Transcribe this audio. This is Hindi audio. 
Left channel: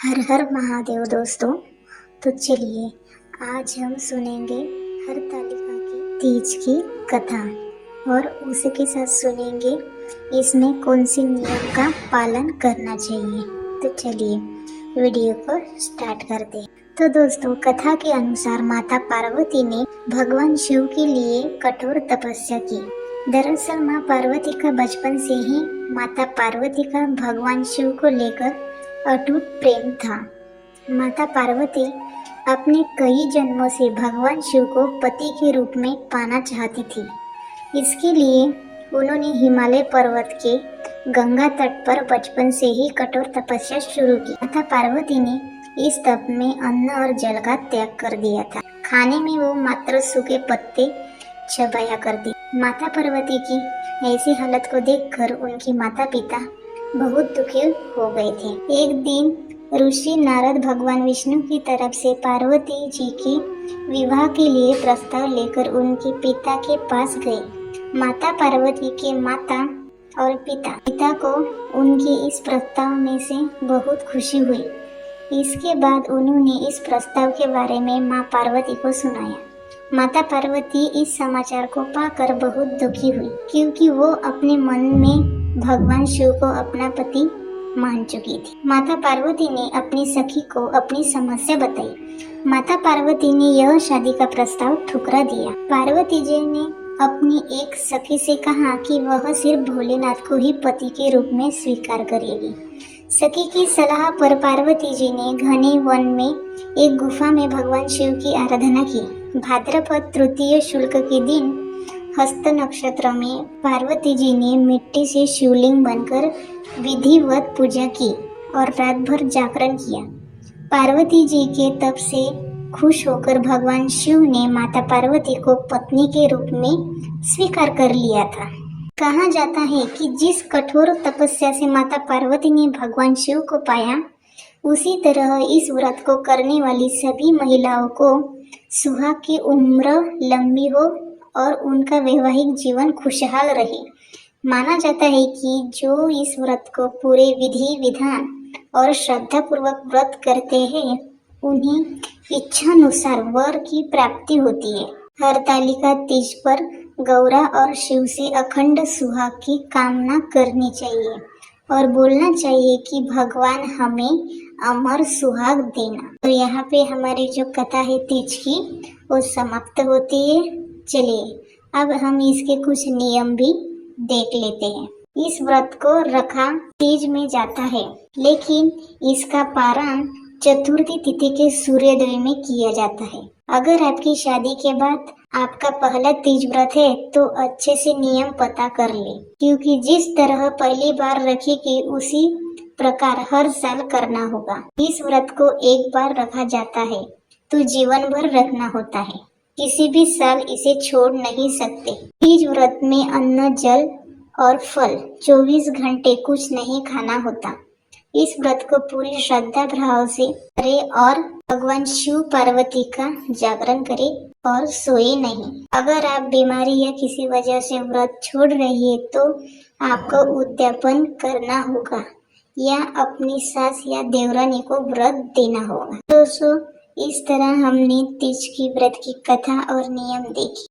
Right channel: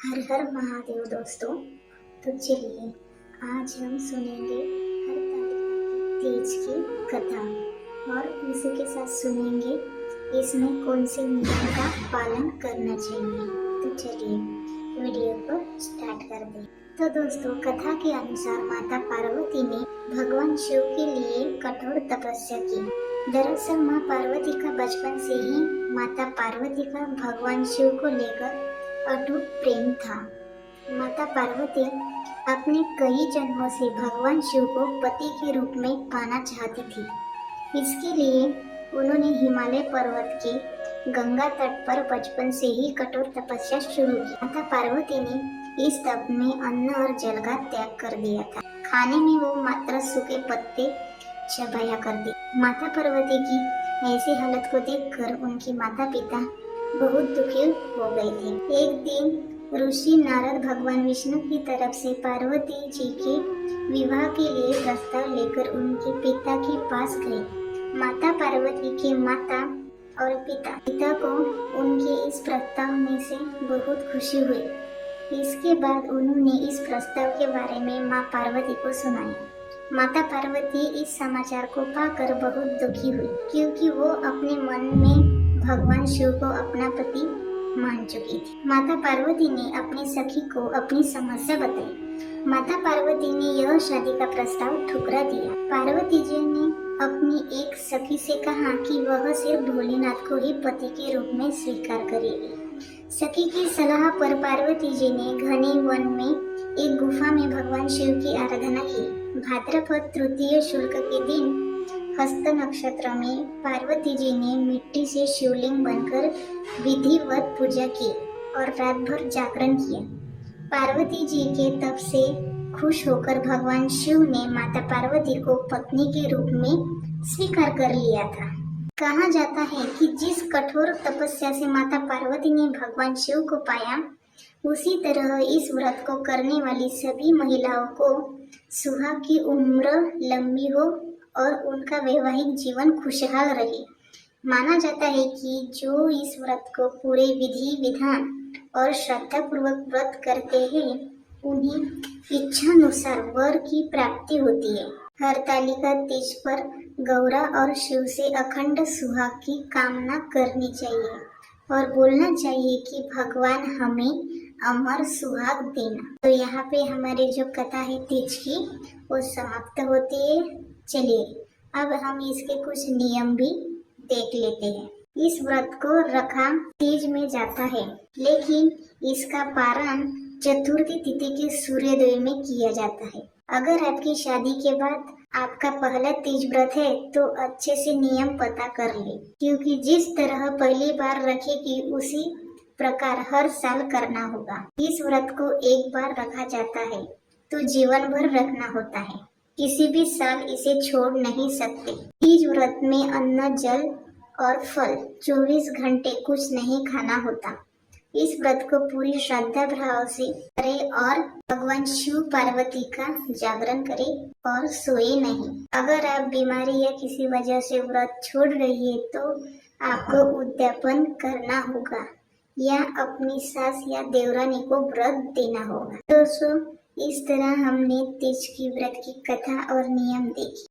हर हर महादेव दोस्तों। तो चलिए आज हम सुनेंगे हरतालिका की तीज की कथा और उसके साथ सुनेंगे इसमें कौन सी नियम का पालन करना चाहिए। तो चलिए वीडियो को स्टार्ट करते हैं। तो दोस्तों, कथा के अनुसार माता पार्वती ने भगवान शिव के लिए कठोर तपस्या की। दरअसल माँ पार्वती का बचपन से ही माता पार्वती का भगवान शिव को लेकर अटूट प्रेम था। माता पार्वती अपने कई जन्मों से भगवान शिव को पति के रूप में पाना चाहती थी। इसके लिए उन्होंने हिमालय पर्वत के गंगा तट पर बचपन से ही कठोर तपस्या शुरू की। माता पार्वती ने इस तप में अन्न और जल का त्याग कर दिया था। खाने में वो मात्र सूखे पत्ते चबाया करती। माता पार्वती की ऐसी हालत को देखकर उनकी माता पिता बहुत दुखी हो गए थे। एक दिन ऋषि नारद भगवान विष्णु की तरफ से पार्वती जी की विवाह के लिए प्रस्ताव लेकर उनके पिता के पास गए। माता पार्वती के माता और पिता को उनके इस प्रस्ताव में से बहुत खुशी हुई। इसके बाद उन्होंने इस प्रस्ताव के बारे में माँ पार्वती को सुनाया। माता पार्वती इस समाचार को पाकर बहुत दुखी हुई, क्योंकि वो अपने मन में भगवान शिव को अपना पति मान चुकी थी। माता पार्वती ने अपनी सखी को अपनी समस्या बताई। माता पार्वती ने यह शादी का प्रस्ताव ठुकरा दिया। पार्वती जी ने अपनी एक सखी से कहा कि वह सिर्फ भोलेनाथ को ही पति के रूप में स्वीकार करेगी। सखी की सलाह पर पार्वती जी ने घने वन में एक गुफा में भगवान शिव की आराधना की। भाद्रपद तृतीय शुक्ल के दिन हस्त नक्षत्र में पार्वती जी ने मिट्टी से शिवलिंग बनकर विधिवत पूजा की और रात भर जागरण किया। पार्वती जी के तप से खुश होकर भगवान शिव ने माता पार्वती को पत्नी के रूप में स्वीकार कर लिया था। कहा जाता है कि जिस कठोर तपस्या से माता पार्वती ने भगवान शिव को पाया, उसी तरह इस व्रत को करने वाली सभी महिलाओं को सुहाग की उम्र लंबी हो और उनका वैवाहिक जीवन खुशहाल रहे। माना जाता है कि जो इस व्रत को पूरे विधि विधान और श्रद्धा पूर्वक व्रत करते हैं, उन्हें इच्छानुसार वर की प्राप्ति होती है। हरतालिका तीज पर गौरा और शिव से अखंड सुहाग की कामना करनी चाहिए और बोलना चाहिए कि भगवान हमें अमर सुहाग देना। तो यहाँ पे हमारी जो कथा है तीज की वो समाप्त होती है। चलिए अब हम इसके कुछ नियम भी देख लेते हैं। इस व्रत को रखा तीज में जाता है, लेकिन इसका पारण चतुर्थी तिथि के सूर्योदय में किया जाता है। अगर आपकी शादी के बाद आपका पहला तीज व्रत है तो अच्छे से नियम पता कर ले, क्योंकि जिस तरह पहली बार रखेगी उसी प्रकार हर साल करना होगा। इस व्रत को एक बार रखा जाता है तो जीवन भर रखना होता है, किसी भी साल इसे छोड़ नहीं सकते। तीज व्रत में अन्न जल और फल 24 घंटे कुछ नहीं खाना होता। इस व्रत को पूरी श्रद्धा भाव से करे और भगवान शिव पार्वती का जागरण करे और सोए नहीं। अगर आप बीमारी या किसी वजह से व्रत छोड़ रही है तो आपको उद्यापन करना होगा या अपनी सास या देवरानी को व्रत देना होगा। दोस्तों, इस तरह हमने तीज की व्रत की कथा और नियम देखी।